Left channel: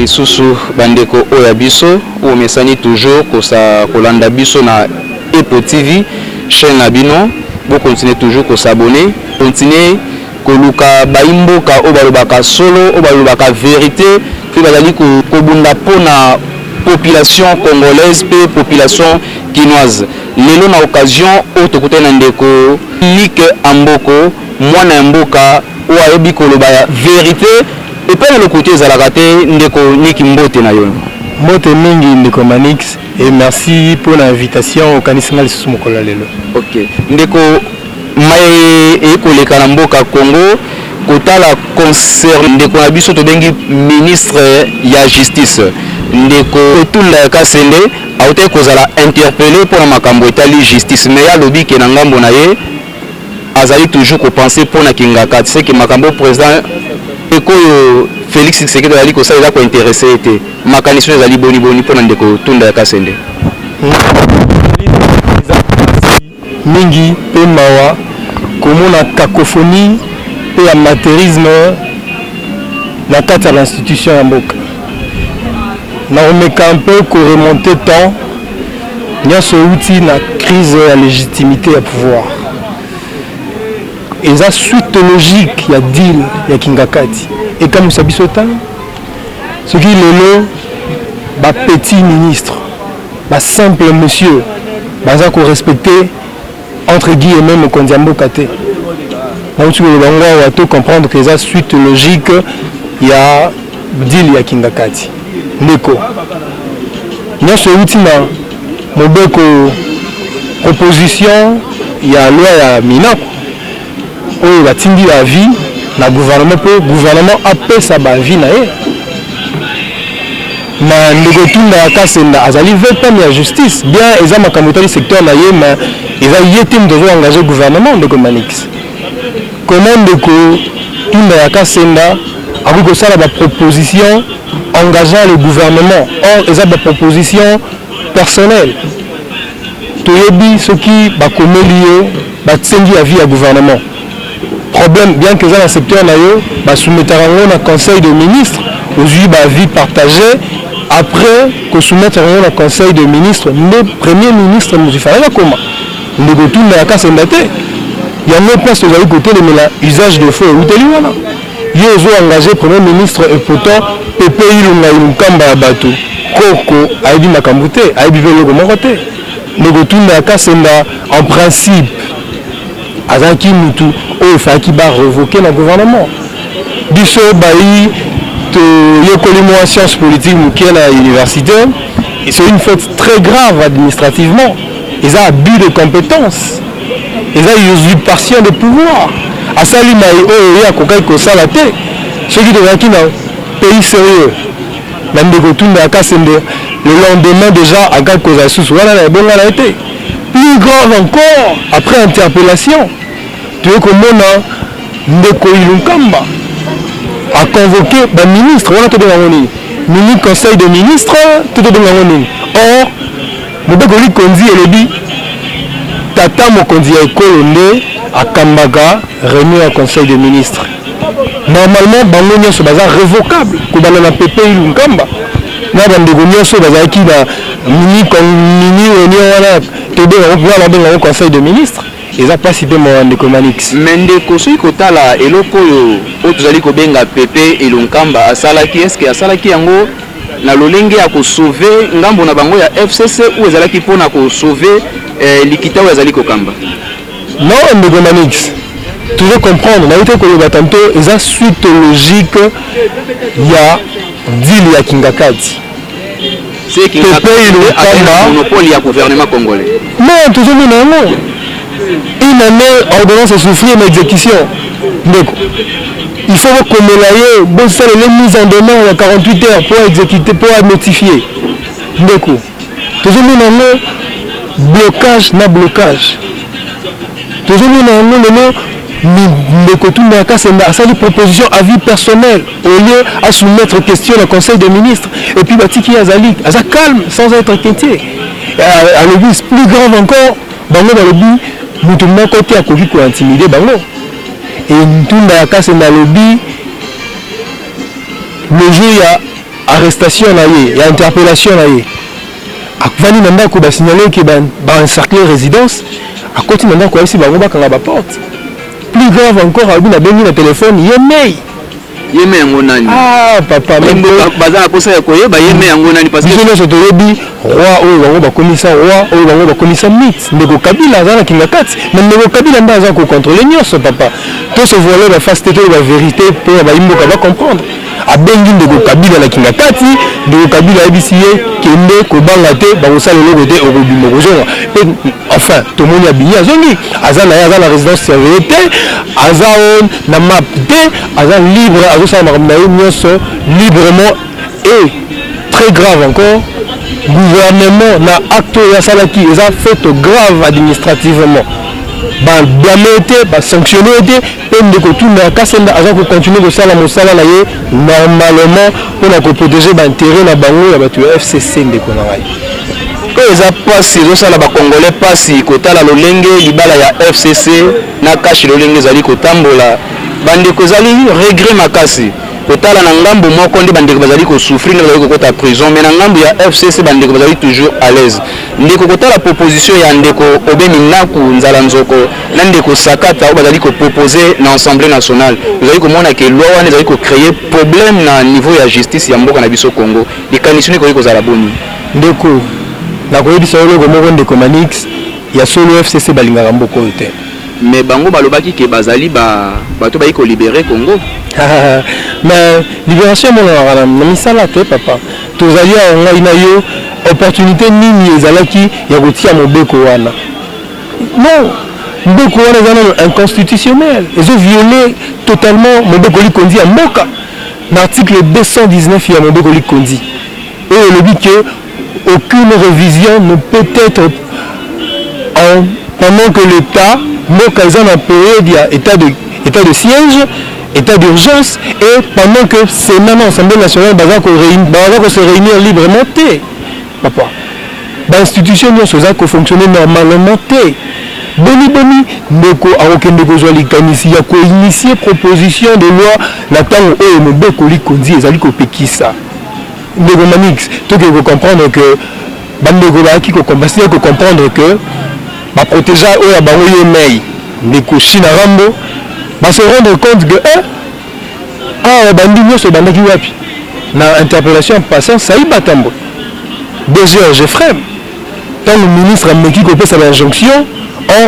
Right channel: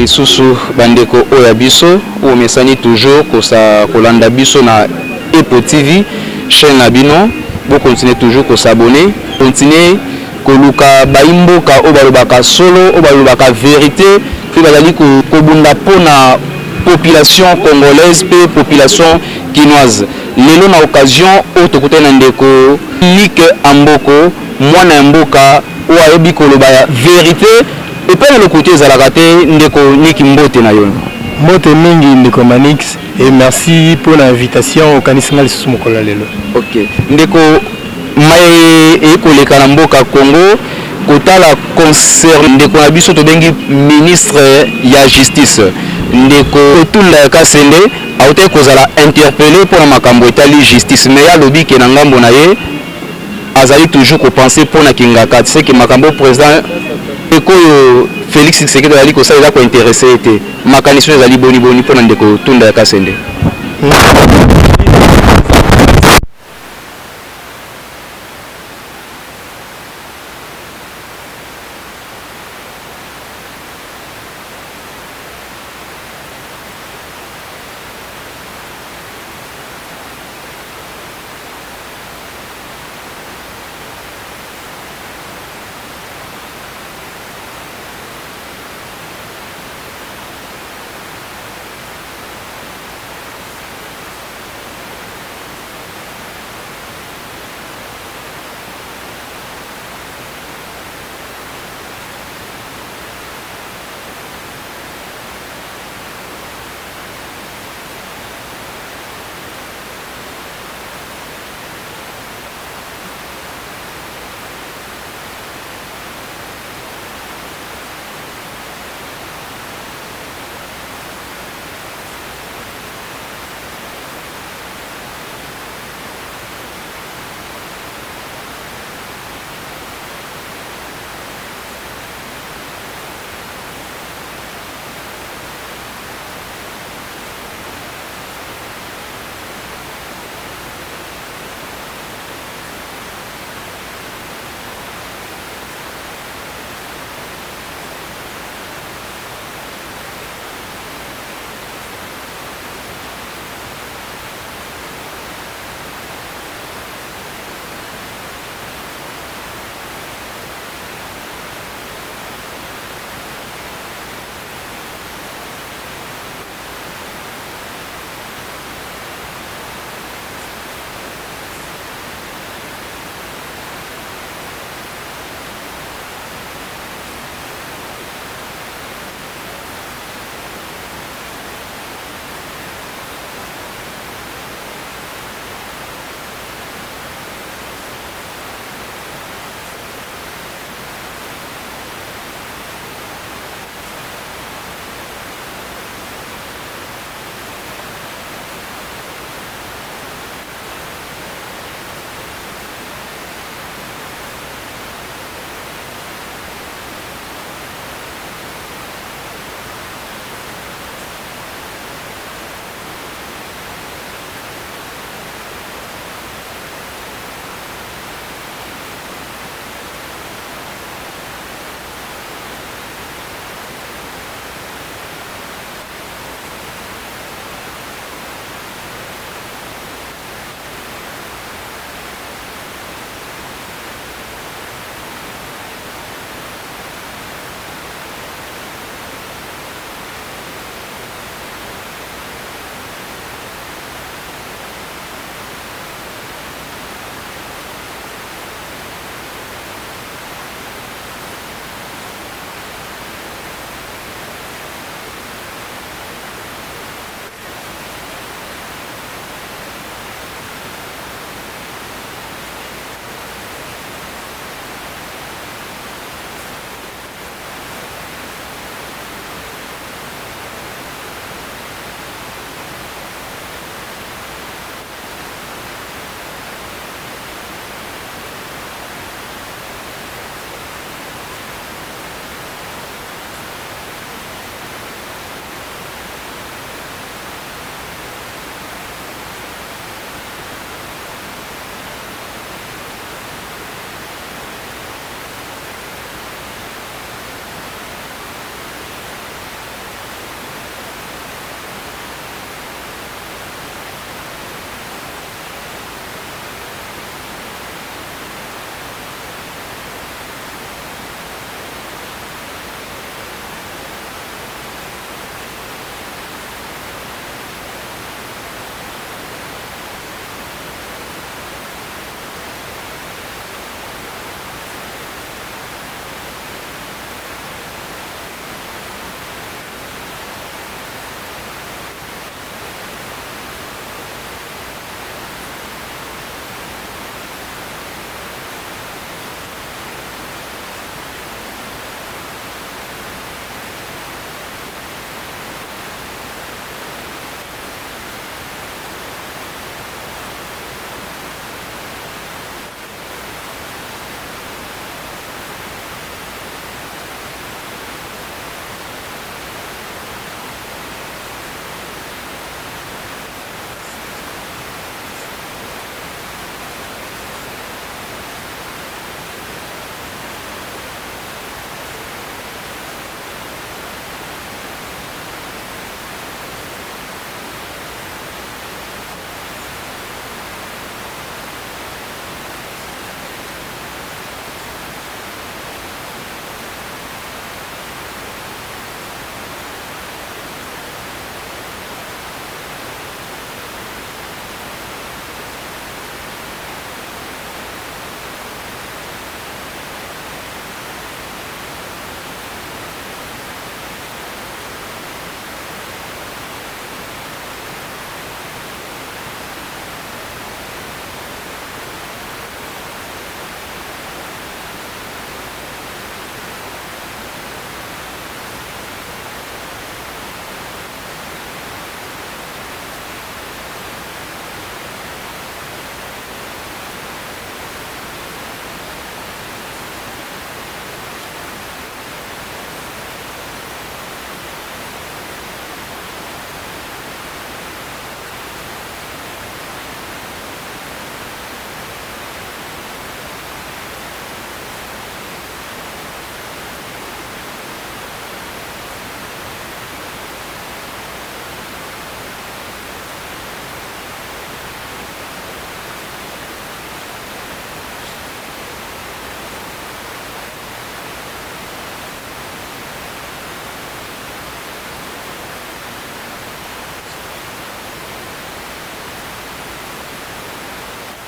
Les sous bandeko oyabiso ou mesani toujours kolanda biso na Epo TV chaîne na bino bo continuer toujours ko s'abonner continuer ko luka baimboka o balobaka solo o balobaka vérité fi bazali ko bunda pona population congolaise pe population quinoise lelo na occasion o tokutana ndeko Like Amboko mwana mboka o ayebi ko loba vérité. Et pas le côté Zalagate, Ndeko Niki Mbote na yo. Mbote mingi Ndeko Manix et merci pour l'invitation au Kanisingal Sumukola lelo. OK. Ndeko Maye e koleka na mboka Congo kotala concert Ndeko na biso to bengi ministre ya justice. Ndeko Tunda Kasende auté kozala interpellé pour makambo etali justice mais ya lobi ke na ngambo na ye azali toujours ko penser pour na kingaka c'est que makambo président Eko Félix Tshisekedi ali ko sala ko intéressé été makanisme ezali boni pona ndeko Tunda Kasende mingi pe mawa komona cacophonie pe amateurisme na kati ya l'institution ya mboka na omeka un peu ko remonter temps nyonso outi na crise ya légitimité ya pouvoir et ça suite logique ya deal ya Kingakati et comme vous savez ce qui lelo ba petit ministre ba simple monsieur baza ko respecter entre guillemets le kondiambo kate donc tu vas tout comprendre que ça suite logique ya deal ya Kingakati ndeko nyonso outi na mobeko proposition ya loi ya Minako oyo batindi la vie na gouvernement pe gouvernement apesa ba vie na ye na ndeko Tunda Kasenda azali vetam ya justice bien eza makambo tali secteur na ye mais eza yete mdozo engager gouvernement ndeko Manix comment ndeko Tunda Kasenda ako sala ba proposition engageant le gouvernement or eza ba proposition personnelle toyebi soki bakomeli yo batsengi ya vie ya gouvernement problème bien que dans le secteur na yo ba soumettre un conseil de ministres aujourd'hui ba vie partagée après que soumettre un conseil de ministres le premier ministre nous fallait comment le retour de la casse endate il y a même pas ce côté côté le usage de feu ou teli wana yo zo engagé premier ministre et pourtant pepe ilunga ilukamba bato koko aibi makambute aibi velo ko mokote le retour de la casse en principe azaki mutu o faki ba révoquer le gouvernement biso bayi to yekoli mo sciences politiques mukiel à l'université et c'est une faute très grave administrativement ils ont abus de compétences ils ont usurpation de pouvoir asali mai o ya kokai ko sala te ceux qui devant qui na pays sérieux même de Tunda Kasende le lendemain déjà à quelque chose à sous voilà la bonne a été plus grave encore après interpellation tu veux que mon ndeko Ilunkamba a convoqué le ministre on a tout donné mini conseil de ministre tout donné or ndeko Likondi et le dit tata mokondi ya ekolonde a Kambaga réuni un conseil de ministre normalement bango nyonso baza révocable ko bana na PP Ilunkamba na bandeko nyonso baza ki na mini réunion wana to donné un conseil de ministre ils ont participé à Ndeko Manix. Mais Ndeko soki kotala eloko oyo tozali ko benga PP Ilunkamba asalaki est-ce que asalaki yango na lolenge ya ko sauver ngambo na bango ya FCC ou ezalaki pona ko sauver likita oyo ezali ko kamba. Non Ndeko Manix. Tu veux comprendre na yote ko yoba tanto eza suite logique ya deal ya Kingakati. C'est Kingakati a un monopole ya gouvernement congolais. Non, toujours non. une année ordonnance et souffrir mais exécution. Donc, il faut qu'on ait bon ça les mises en demande à 48 heures pour exécuter, pour notifier. Donc, toujours nous blocage na blocage. Toujours nous c'est une proposition à vie personnelle au lieu à soumettre question au Conseil des ministres. Et puis Batiki Azali, ça calme sans être inquiété. À l'obus plus grave encore, dans le but, nous tournons côté à Covid pour intimider Bango. Et nous tournons à casse dans le lobby. Le jour il y a arrestation il y a interpellation à Vani Nanda qui a signalé qu'il y a encerclé résidence. À côté Nanda qui a aussi Bango quand la porte. Plus grave encore, à la téléphone, il y a mail. Yeme yangonani. Ah papa, même baza aposa ya koyeba yeme yangonani parce que je te rebi roi oyo bango ba commissaire roi oyo bango ba commissaire mythe ndeko Kabila azana kingakati mais ndeko Kabila nda aza ko contrôler nyonso papa. Tout ce volet va face tete la vérité pour ba imboka va comprendre. Abengi ndeko Kabila na kingakati ndeko Kabila ebisiye kende ko banga te ba osala logo te okobimo kozonga. Enfin, tout le monde a bien zongi. Azana ya la résidence surveillée azan na map te azan libre librement et très grave encore gouvernement na acte ya salaki ils a fait grave administrativement ba blâmer ba sanctionner et ndeko tuna kasenda azan ko continuer ko sala mosala na ye normalement pour la protéger ba intérêt na bango ya batu FCC ndeko na ngai ko eza pasi ezosala bakongolais pasi kotala lolenge libala ya FCC na kashi lolenge ezali kotambola bandeko ezali regret makasi kotala na ngambo moko nde bandeko bazali kosouffrir na bazali kokota prison mais na ngambo ya FCC bandeko bazali toujours à l'aise ndeko kotala proposition ya ndeko Obeni Naku Nzala Nzoko na ndeko Sakata bazali proposer na Assemblée nationale bazali komona ke loi wana ezali ko créer problème na niveau ya justice ya mboka na biso Congo likanisi ko kozala boni ndeko na koyebisa logo moko ndeko Manix ya solo FCC balingaka mboko te mais bango balobaki ke bazali bato bayi ko libérer Congo mais libération mona na misala te papa tozali a ngai na yo opportunité nini ezalaki ya kotia mobeko wana non mbeko wana ezana inconstitutionnel ezo violer totalement mobeko likondi ya mboka na article 219 ya mobeko likondi et le dit que aucune révision ne peut être pendant que l'État mboka eza na période état de siège état d'urgence et pendant que Sénat na Assemblée nationale baza ko se réunir librement te papa l'institution nyonso eza ko fonctionner normalement te boni ndeko akokende kozwa likanisi ya koinitier proposition de loi na ntango oyo mobeko likondi ezali kopekisa ndeko Manix toke comprendre que bandeko baaki ko comprendre que ba protéger oyo bango yemei ndeko China Rambo ba se rendre compte que bandi nyonso bandaki wapi na interpellation passant Saïd Batambo DG Jeffrem tant le ministre ameki ko pesa l'injonction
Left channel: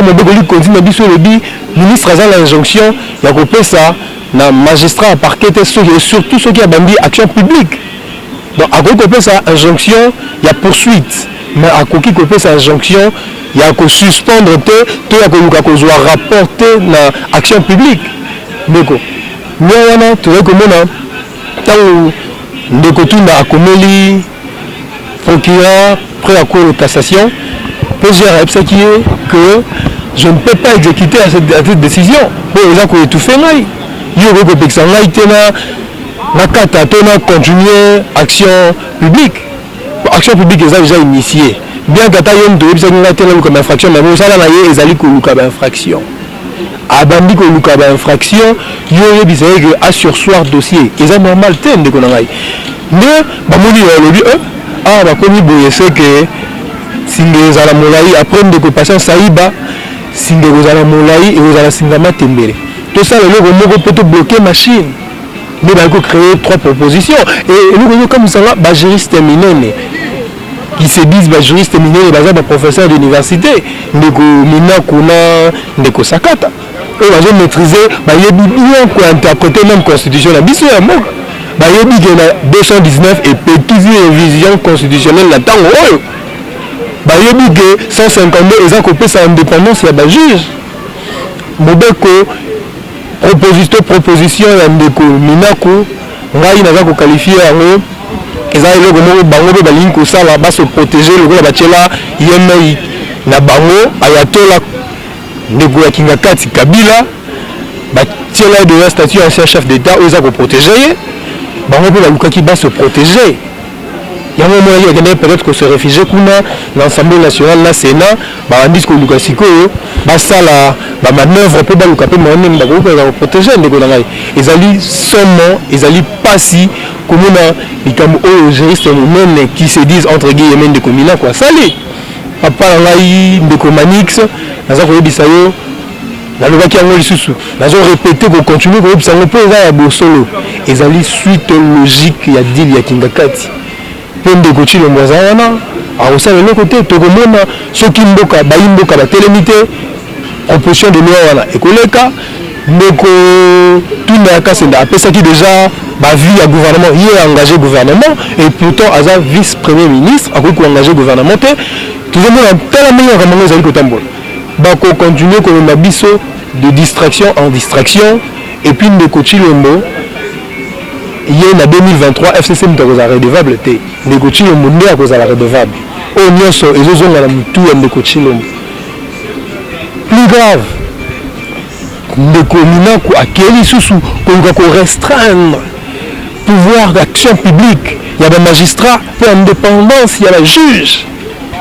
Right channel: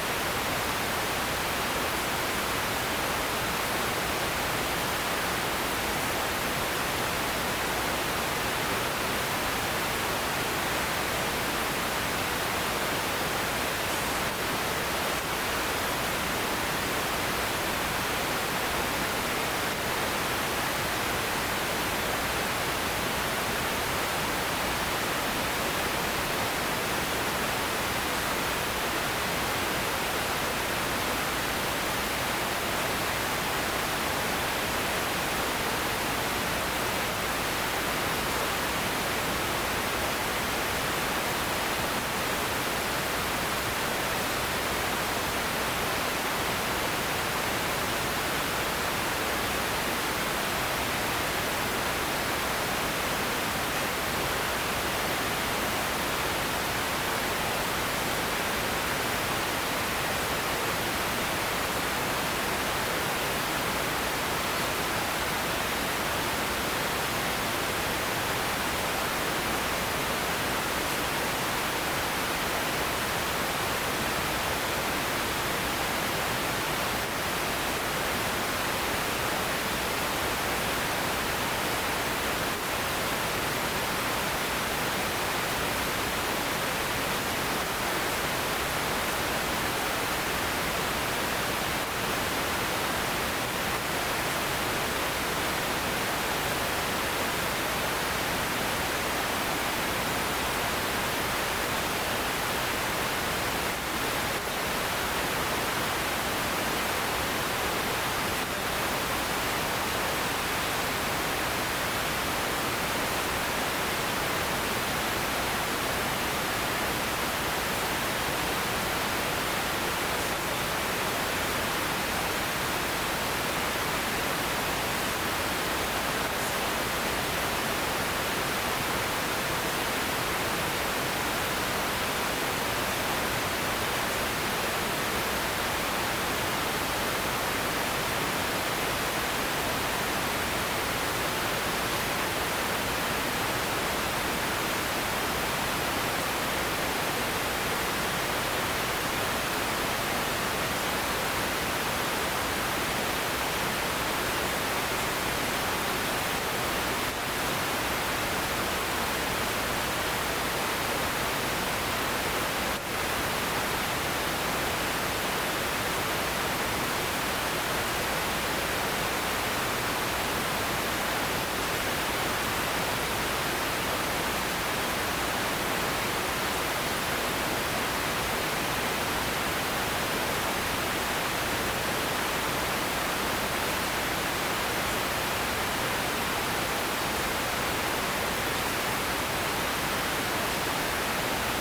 mobeko likondi na biso lebi ministre a l'injonction ya ko pesa na magistrat parquet et surtout ceux qui a bandi action publique. Donc, à quoi qu'on ça injonction, il y a poursuite. Mais à quoi qu'on peut ça injonction, il y a que suspendre tout à quoi qu'on doit rapporter dans l'action publique. Donc, nous avons tout le monde tant de côté à Komeli, procureur, prêt à cour de cassation, peut gérer ce qui est que je ne peux pas exécuter à cette décision. Pour les gens qui ont tout fait, il y a eu ça na kata tona continuer action publique est déjà initiée bien kata yom to bisa ngata tena comme infraction mais ça là na ezali ko luka ba infraction abandi ko luka ba infraction yo bisa que a sursoir dossier eza normal te ndeko na ngai mais ba moni lobi ba komi boye c'est que singe za la molai après ndeko patient Saïba singe za la molai et za la singama tembele tout ça le moko peut bloquer machine. Nous avons créé 3 propositions. Et nous avons comme ça, les juristes éminents qui se disent juristes éminents, les professeurs d'université, nous avons Sakata. Et nous avons maîtrisé, nous avons interprété même la constitution. Nous avons 219 et petite révision constitutionnelle là-dedans. bayebi ke 152 eza kopesa indépendance ya bajuge mobeko proposition ya ndeko Minaku ngai naza kokalifie yango eza eloko moko bango mpe balingi kosala baso protéger lokola batiela yemei na bango ayatola ndeko ya Kingakati Kabila batiela de statut ancien chef d'état oyo eza koprotéger ye bango mpe balukaki baso protéger yango moko akende peut-être que se réfugier kuna na l'Assemblée nationale na Sénat babandisi koluka sikoyo basala bamanœuvre mpe baluka mpe monene bakokoka koprotéger ndeko na ngai ezali somo ezali pasi komona likambo oyo juriste monene qui se disent entre guillemets ndeko Minaku asali papa na ngai ndeko Manix naza koyebisa yo nalobaki yango lisusu nazo répéter kocontinue koyebisa yango mpe eza ya bosolo ezali suite logique ya deal ya Kingakati mpe ndeko Tshilombo aza wana akosala eloko te tokomona soki mboka bayi mboka batelemi te proposition de loi wana ekoleka ndeko Tunda ya Kasenda apesaki déjà bavie ya gouvernement ye engagé gouvernement et pourtant aza vice premier ministre akoki koengagé gouvernement te tozomona tala ndenge makambo ezali kotambola bakocontinue komema biso de distraction en distraction et puis ndeko Tshilombo ye na 2023 FCC mutu akozala redevable te ndeko Tshilombo nde akozala redevable oyo nyonso ezozonga na mutu ya ndeko Tshilombo. Plus grave ndeko Minaku akeli lisusu koluka korestreindre pouvoir d'action publique ya bamagistrat mpe indépendance ya bajuge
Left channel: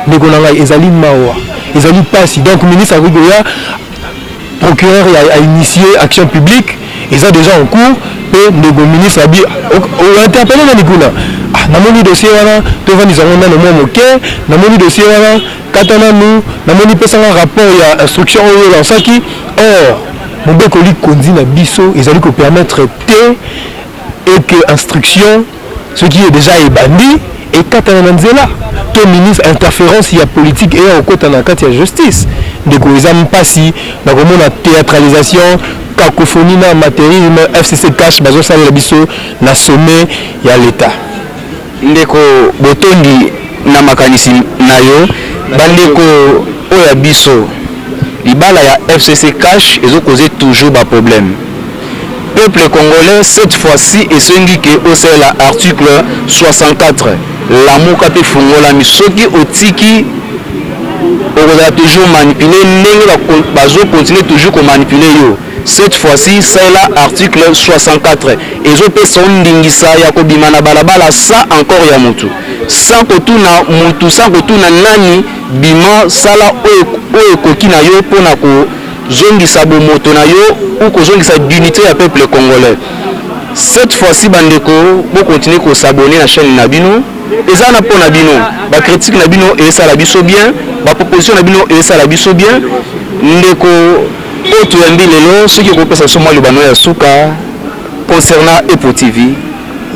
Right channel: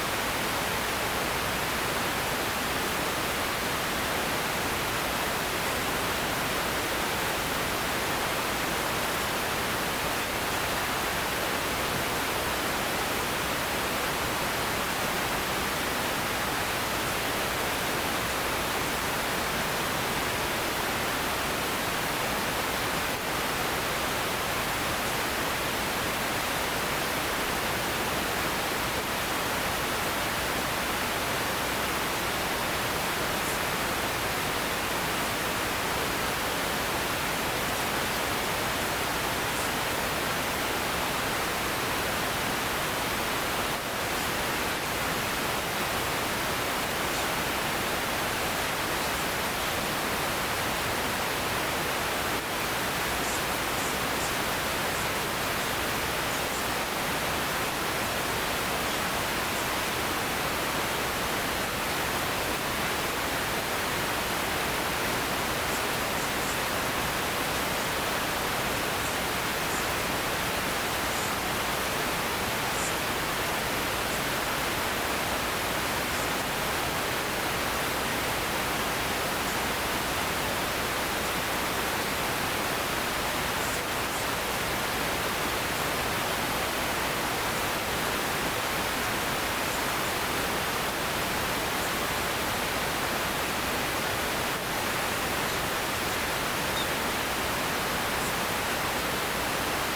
ndeko na ngai ezali mawa ezali pasi donc ministre akokoya procureur a initié action publique eza déjà en cours mpe ndeko ministre abi ointerpelle nani kuna namoni dossier wana tovandisanga nano mwa moke namoni dossier wana kata nanu namoni pesanga rapport ya instruction oyo lansaki or mobeko likondi na biso ezali kopermettre te et que instruction ce qui est déjà ebandi ekatana na nzela to ministre interférence ya politique eya okota na kati ya justice ndeko eza mpasi na komona théâtralisation cacophonie na amateurisme FCC cash bazosalela biso na sommet ya l'État ndeko botondi na makanisi na yo bandeko oyo ya biso libala ya FCC cash ezokoze toujours ba problème peuple congolais cette fois-ci esengi ke osala article 64 lamuka pe fungola misoki otiki okozala toujours manipuler ndenge bazo continuer toujours ko manipuler yo cette fois-ci c'est l'article 64 ezopesa ndingisa ya kobima na balabala sa encore ya mutu sans kotuna nani bima sala oyo ekoki na yo mpona kozongisa bomoto na yo ou kozongisa dignité ya peuple congolais. Cette fois-ci bandeko bo continuer ko s'abonner na chaîne na bino eza na pona bino ba critique na bino et ça la biso bien ba proposition na bino et ça la biso bien ndeko oto yambi lelo ce qui kopesa so mwa libano ya suka concernant Epo TV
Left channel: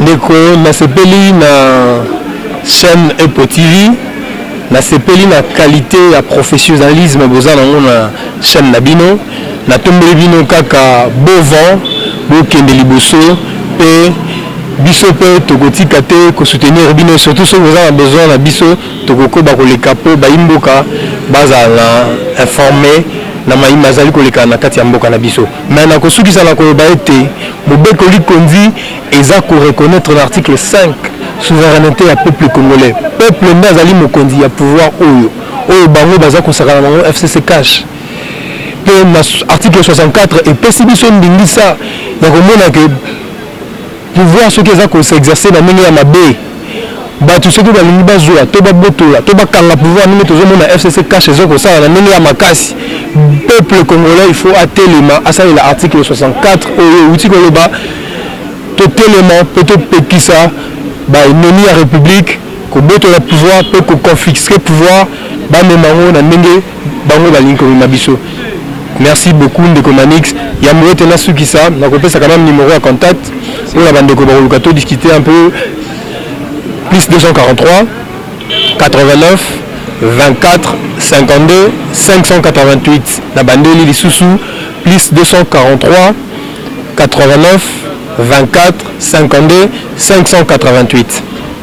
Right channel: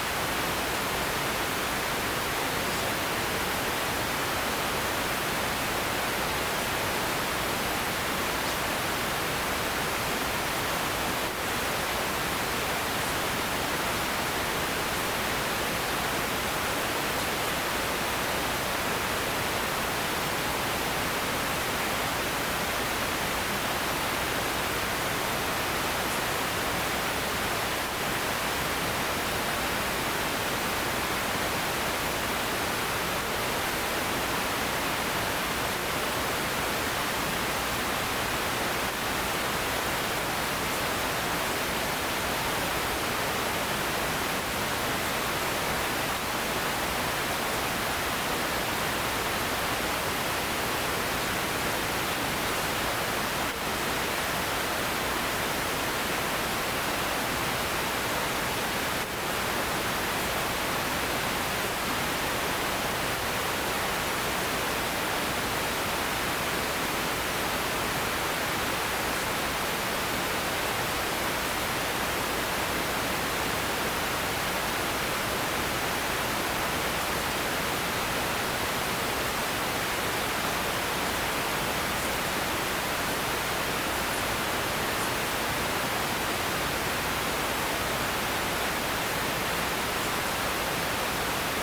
ndeko na sepeli na chaîne Epo TV na sepeli na qualité ya professionnalisme boza nango na chaîne na bino na tombeli bino kaka beau vent bokende liboso pe biso pe tokotika te ko soutenir bino surtout ceux qui ont besoin na biso tokokoba koleka po baimboka bazala informé na maïma zali koleka na kati ya mboka na biso mais na kosukisa na ko ba ete mobeko likondi eza ko reconnaître l'article 5 souveraineté ya peuple congolais peuple nazali mokondi ya pouvoir oyo bango baza kosakana bango FCC cash pe na article 64 et pesi biso ndingisa ya komona ke pouvoir soki eza s'exercer na ndenge ya mabe bato soki balingi bazwa to babotola to bakanga pouvoir ndenge tozomona FCC cash ezokosala na ndenge ya makasi peuple congolais il faut atelema asalela article 64 oyo euti koloba totelema mpe topekisa baenemi ya république kobotola pouvoir mpe koconfisque pouvoir bamemango na ndenge bango balingi komema biso. Merci beaucoup ndeko Manix ya moete na sukisa na kopesa quand même numéro à contact pour la bande de Kobolukato discuter un peu plus 243 89 24 52 588 la bande li lisusu plus 243 89 24 52 588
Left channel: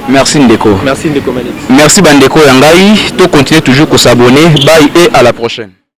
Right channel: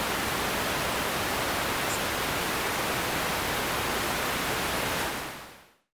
Merci Ndeko. Merci Ndeko Manix. Merci Bandeko Yangai. To continuer toujours à s'abonner. Bye et à la prochaine.